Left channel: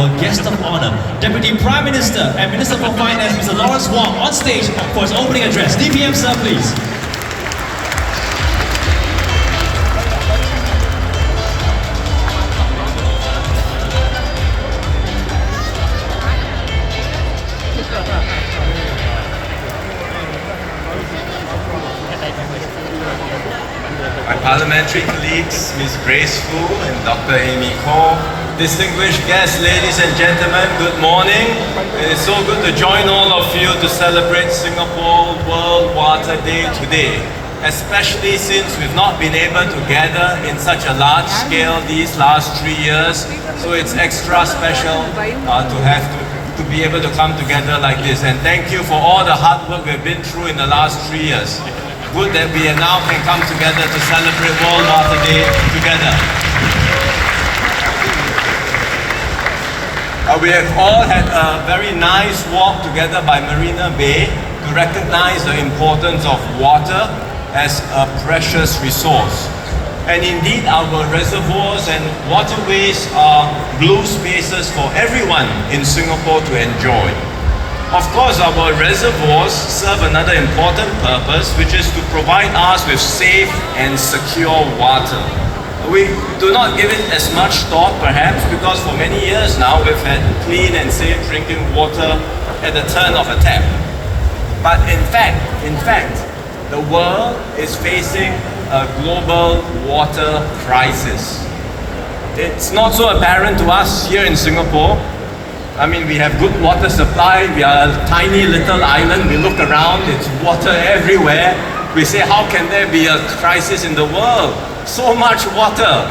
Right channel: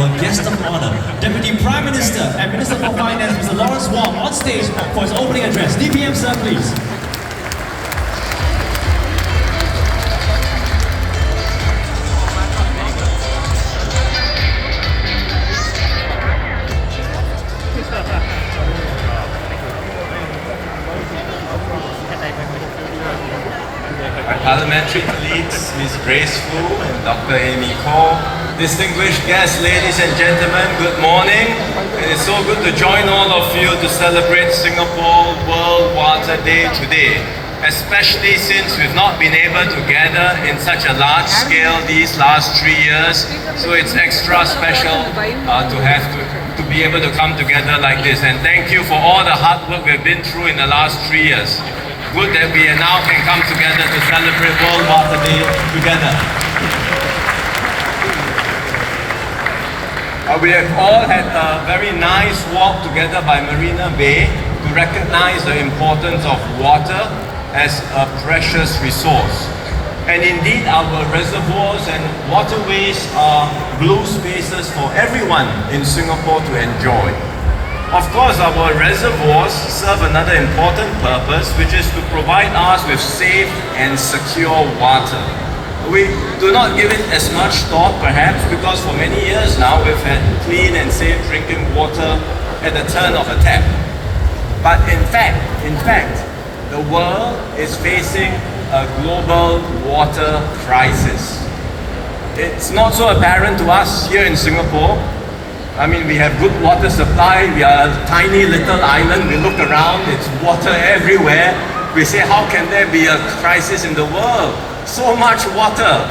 Guest of honor, Deputy Prime Minister and Minister for Finance, Mr. Lawrence Wong, on stage for his opening address. DPM, sir, please. My parliamentary colleagues, Ms. Grace Fu and Dr. Amy Koh, distinguished guests, ladies and gentlemen, good morning. It is so good to join all of you to celebrate Singapore World Water Day today, especially since we've not been able to gather in such a large scale these last 3 years. So it's extra special to be able to come together like this. And thank you for all the hard work we've been through in the last 3 years. Good that we now can come together to celebrate World Water Day together. We have all had a very nice walk together by Marina Bay to recognize the importance of water as a precious resource. And indeed, our reservoirs and waterways are blue spaces for everyone in Singapore to enjoy. Of course, our reservoirs serve another important purpose, which is to provide us with safe and secure water. We do not give it as much thought, perhaps, because for many years now we've had clean and safe drinking water at the turn of a tap. But in fact, the world is facing a global water crisis. It's not so apparent to us here in Singapore. I mean, we have good water supply, we are a tiny little island, we look around, it's water everywhere. We say, how can there be a crisis in the world? So much water,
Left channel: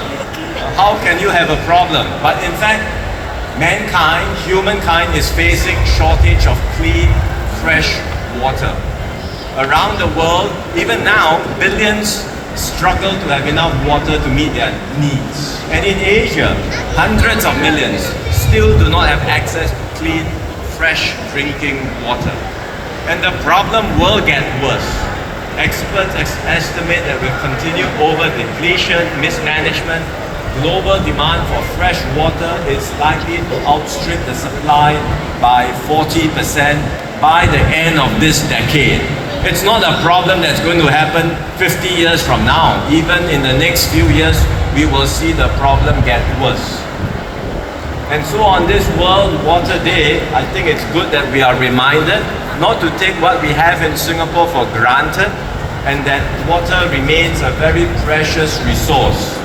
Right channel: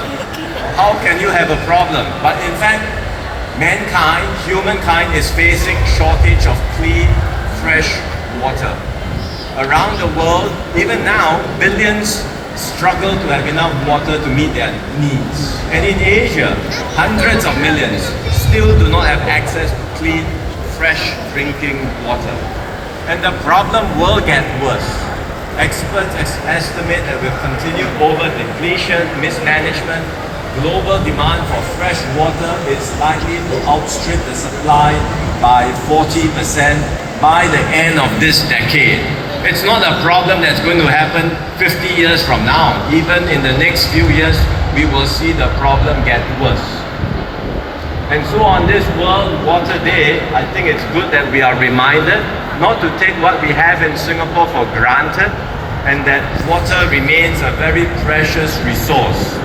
how can you have a problem? But in fact, humankind is facing shortage of clean, fresh water. Around the world, even now, billions struggle to have enough water to meet their needs. And in Asia, hundreds of millions still do not have access to clean, fresh drinking water. And the problem will get worse. Experts estimate that we'll continue over depletion, mismanagement. Global demand for fresh water is likely to outstrip the supply by 40% by the end of this decade. It's not a problem that's going to happen 50 years from now. Even in the next few years, we will see the problem get worse. And so on this World Water Day, I think it's good that we are reminded not to take what we have in Singapore for granted, and that water remains a very precious resource.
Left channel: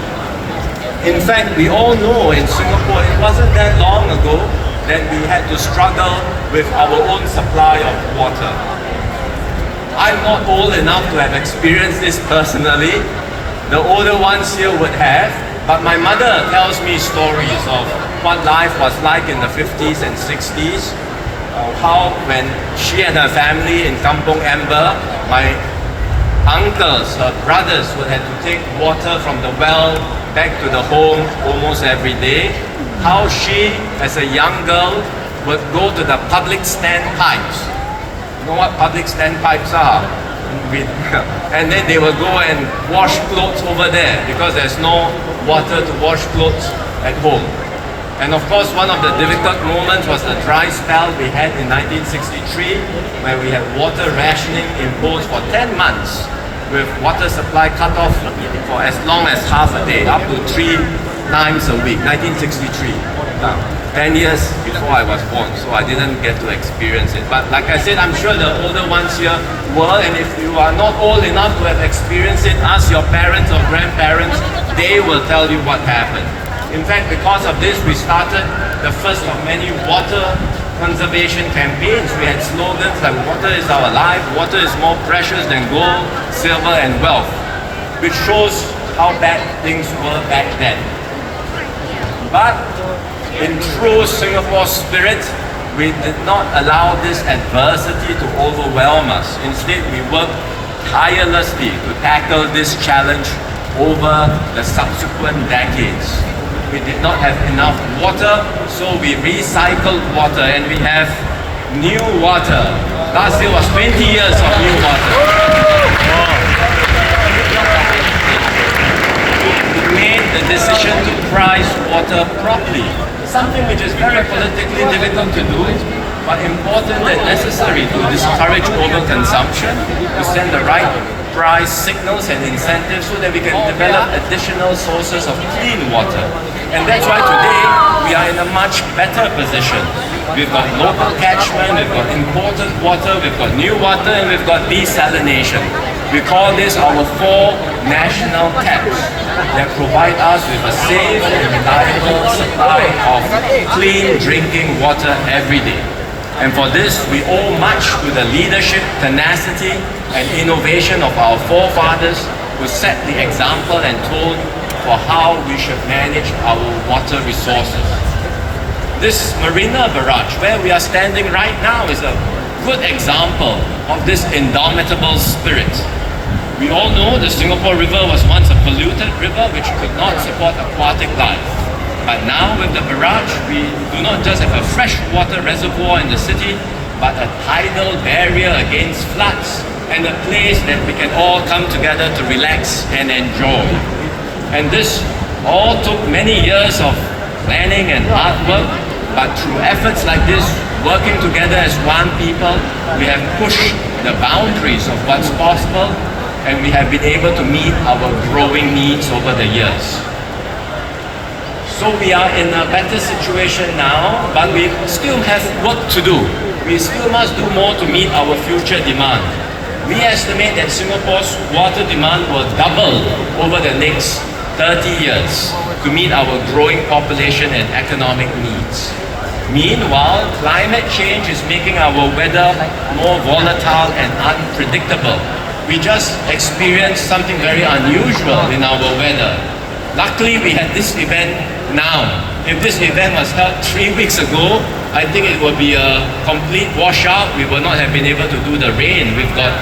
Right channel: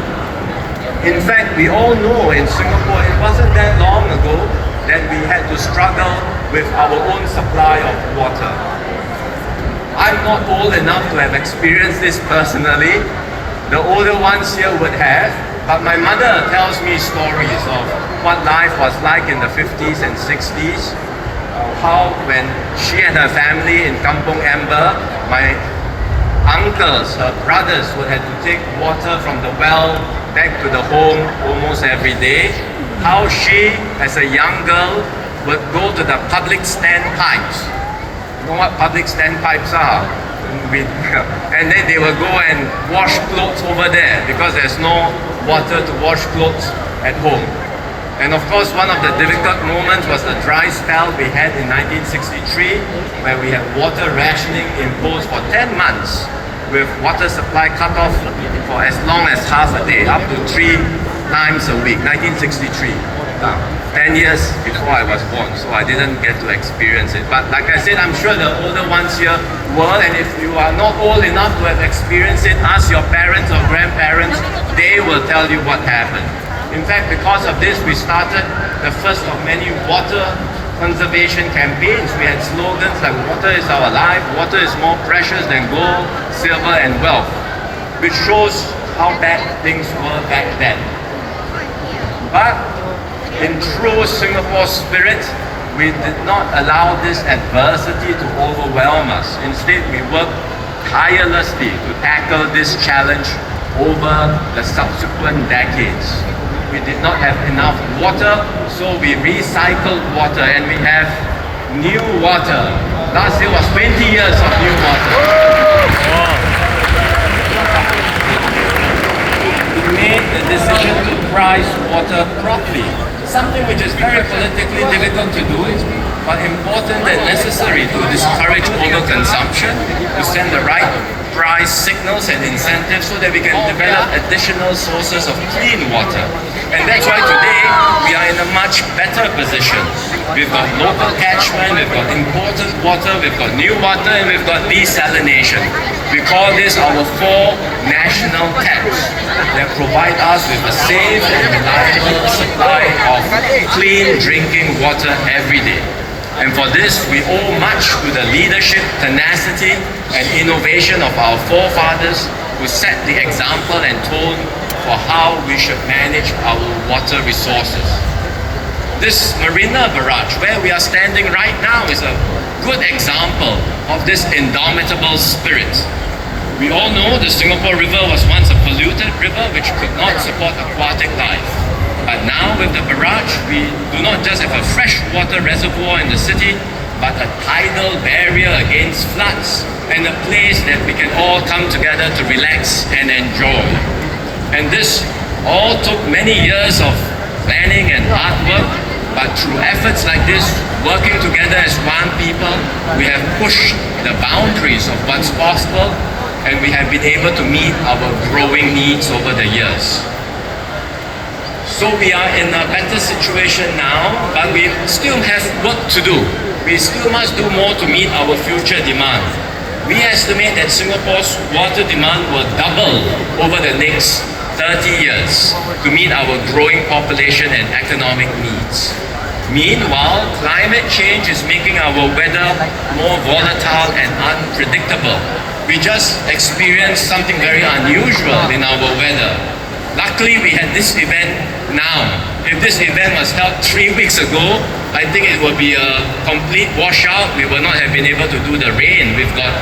In fact, we all know in Singapore, it wasn't that long ago that we had to struggle with our own supply of water. I'm not old enough to have experienced this personally. The older ones here would have, but my mother tells me stories of what life was like in the 50s and 60s, how when she and her family in Kampong Amber, my uncles, her brothers would have to take water from the well back to the home almost every day, how she, as a young girl, would go to the public standpipes. You know what public standpipes are? And then they will go and wash clothes over there because there's no water to wash clothes at home. And of course, one of the difficult moments was the dry spell we had in 1963, where we had water rationing imposed for 10 months, with water supply cut off for as long as half a day, up to 3 times a week, 1963. 10 years before I was born, so I didn't get to experience it. But like I said, I'm sure the older ones here will, and if you are not old enough to have experienced it, ask your parents or grandparents, they will tell you what happened. In fact, because of this, we started the first of many water conservation campaigns. We had slogans like water is our life, water is more precious than gold, silver and wealth, which shows how bad things were back then. But in true Singapore spirit, we did not allow this adversity to overwhelm us. Instead, we worked tirelessly to tackle this challenge over the subsequent decades. We did not have enough water, so we recycled water and we have new water. Last year was 20 years of new water. We made the decision to price water properly something which is very politically difficult to do, but important and necessary to discourage overconsumption, to send the right price signals and incentives so that we can develop additional sources of clean water. And that's why today we are in a much better position. We've got local catchment, we've got imported water, we've got new water, and we've got desalination. We call this our 4 national taps that provide us with a safe and reliable supply of clean drinking water every day. And for this, we owe much to the leadership, tenacity, and innovation of our forefathers who set the example and tone for how we should manage our water resources. This Marina Barrage, where we are standing right now, is a good example of this indomitable spirit. We all know the Singapore River was once a polluted river which could not support aquatic life. But now with the barrage, we do not just have a freshwater reservoir in the city, but a tidal barrier against floods and a place that we can all come together to relax and enjoy. And this all took many years of planning and hard work, but through efforts like this, working together as one people, we have pushed the boundaries of what's possible, and we have been able to meet our growing needs over the years. So we are in a better situation now, but we still have work to do. We still must do more to meet our future demand. We estimate that Singapore's water demand will double over the next 30 years to meet our growing population and economic needs. Meanwhile, climate change is making our weather more volatile and unpredictable. We just experienced something very unusual in our weather. Luckily, we had this event now. If this event was held 3 weeks ago, I think it would be a complete washout. We would not have been able to do the rain. We've got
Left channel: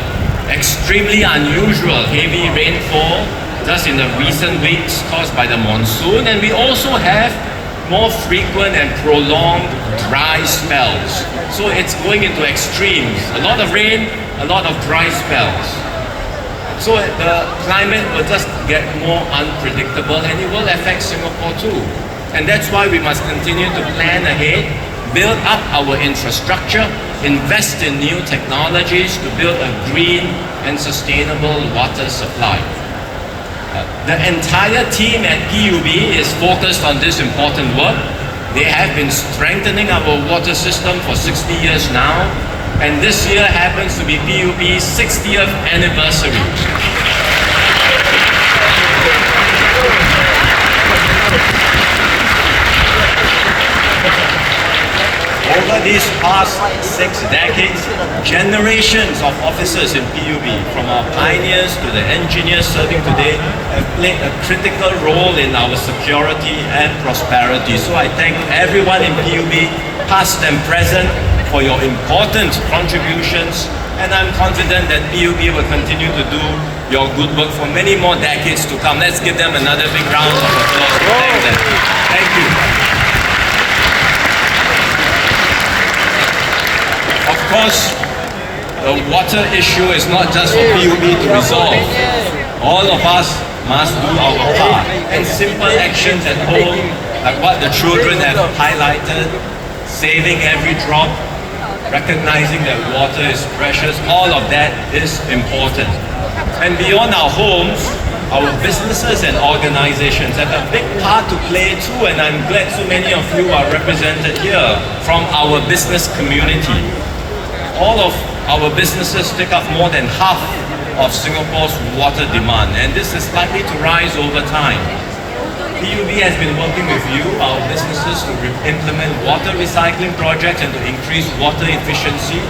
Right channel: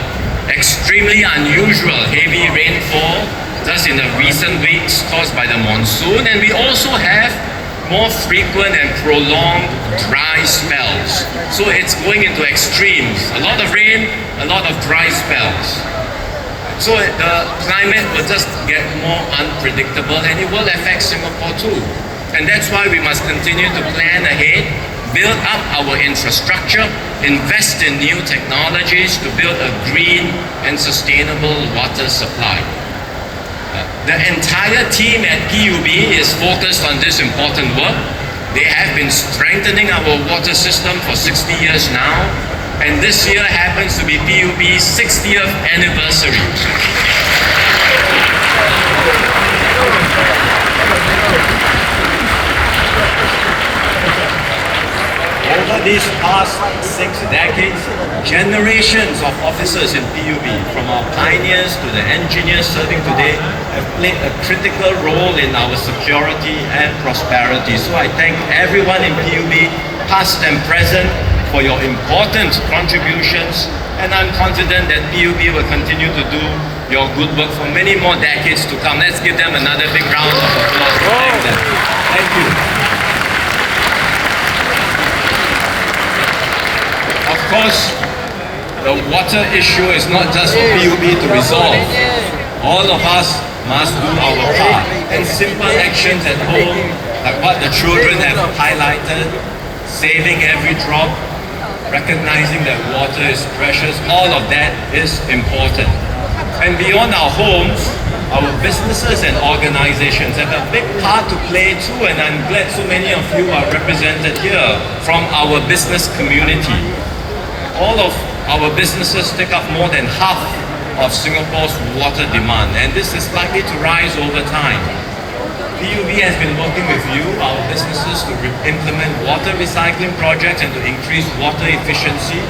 extremely unusual heavy rainfall just in the recent weeks caused by the monsoon. And we also have more frequent and prolonged dry spells. So it's going into extremes. A lot of rain, a lot of dry spells. So the climate will just get more unpredictable and it will affect Singapore too. And that's why we must continue to plan ahead, build up our infrastructure, invest in new technologies to build a green and sustainable water supply. The entire team at PUB is focused on this important work. They have been strengthening our water system for 60 years now, and this year happens to be PUB's 60th anniversary. Over these past 6 decades, generations of officers in PUB, from our pioneers to the engineers serving today, have played a critical role in our security and prosperity. So I thank everyone in PUB, past and present, for your important contributions, and I'm confident that PUB will continue to do your good work for many more decades to come. Let's give them another big round of applause. Thank you. Of course, the water issue is not just for PUB to resolve. All of us must do our part. And simple actions at home, like what the children have highlighted, saving every drop, recognizing that water is precious, all of that is important. And beyond our homes, our businesses and organizations have a big part to play too, and I'm glad so many of you are represented here from our business community. All of our businesses take up more than half of Singapore's water demand, and this is likely to rise over time. PUB has been working with you, our businesses, to implement water recycling projects and to increase water efficiency.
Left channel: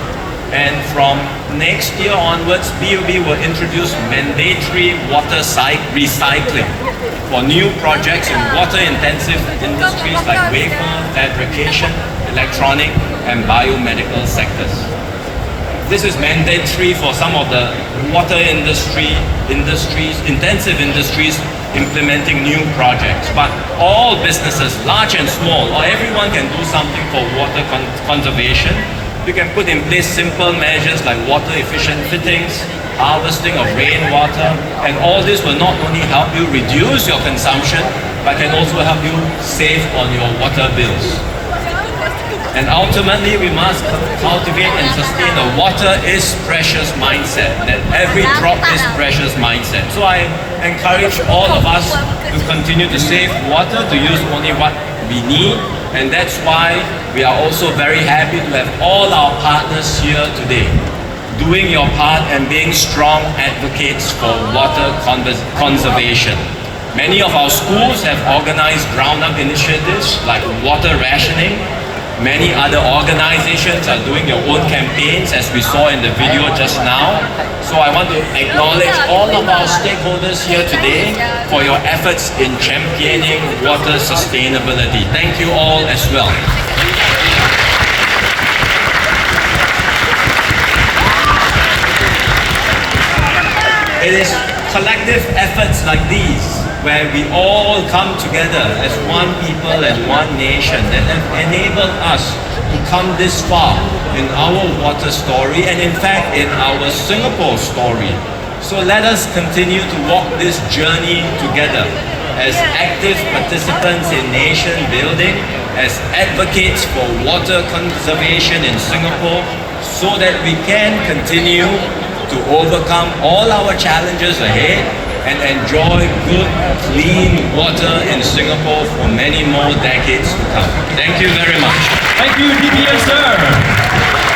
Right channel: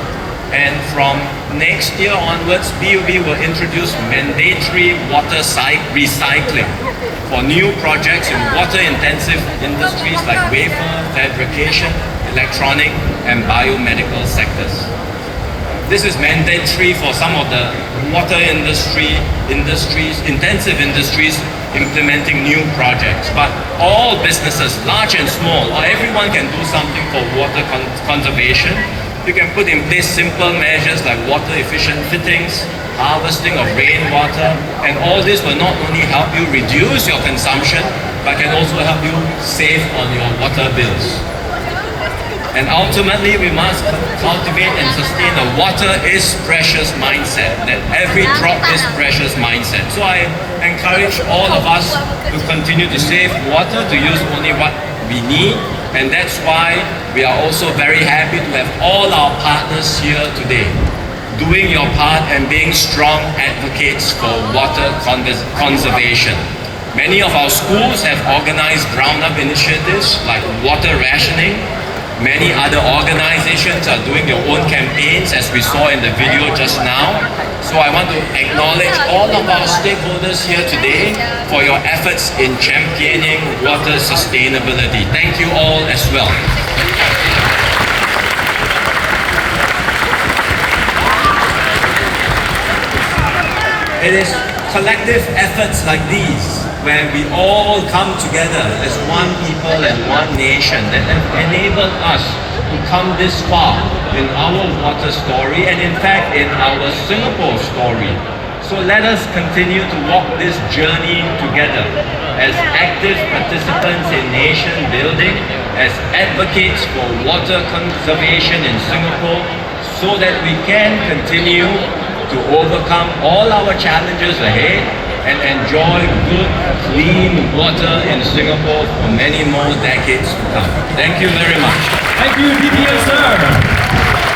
And from next year onwards, PUB will introduce mandatory water site recycling for new projects in water-intensive industries like wafer, fabrication, electronic, and biomedical sectors. This is mandatory for some of the water intensive industries implementing new projects. But all businesses, large and small, or everyone can do something for water conservation. You can put in place simple measures like water efficient fittings, harvesting of rainwater, and all this will not only help you reduce your consumption, but can also help you save on your water bills. And ultimately, we must cultivate and sustain a water is precious mindset, that every drop is precious mindset. So I encourage all of us to continue to save water, to use only what we need, and that's why we are also very happy to have all our partners here today, doing your part and being strong advocates for water conservation. Many of our schools have organized ground-up initiatives like water rationing. Many other organizations are doing their own campaigns, as we saw in the video just now. So I want to acknowledge all of our stakeholders here today for your efforts in championing water sustainability. Thank you all as well. It is collective efforts like these where we all come together as one people and one nation that have enabled us to come this far in our water story and in fact in our Singapore story. So let us continue to walk this journey together as active participants in nation building, as advocates for water conservation in Singapore, so that we can continue to overcome all our challenges ahead and enjoy good, clean water in Singapore for many more decades to come. Thank you very much. Thank you, DPS sir.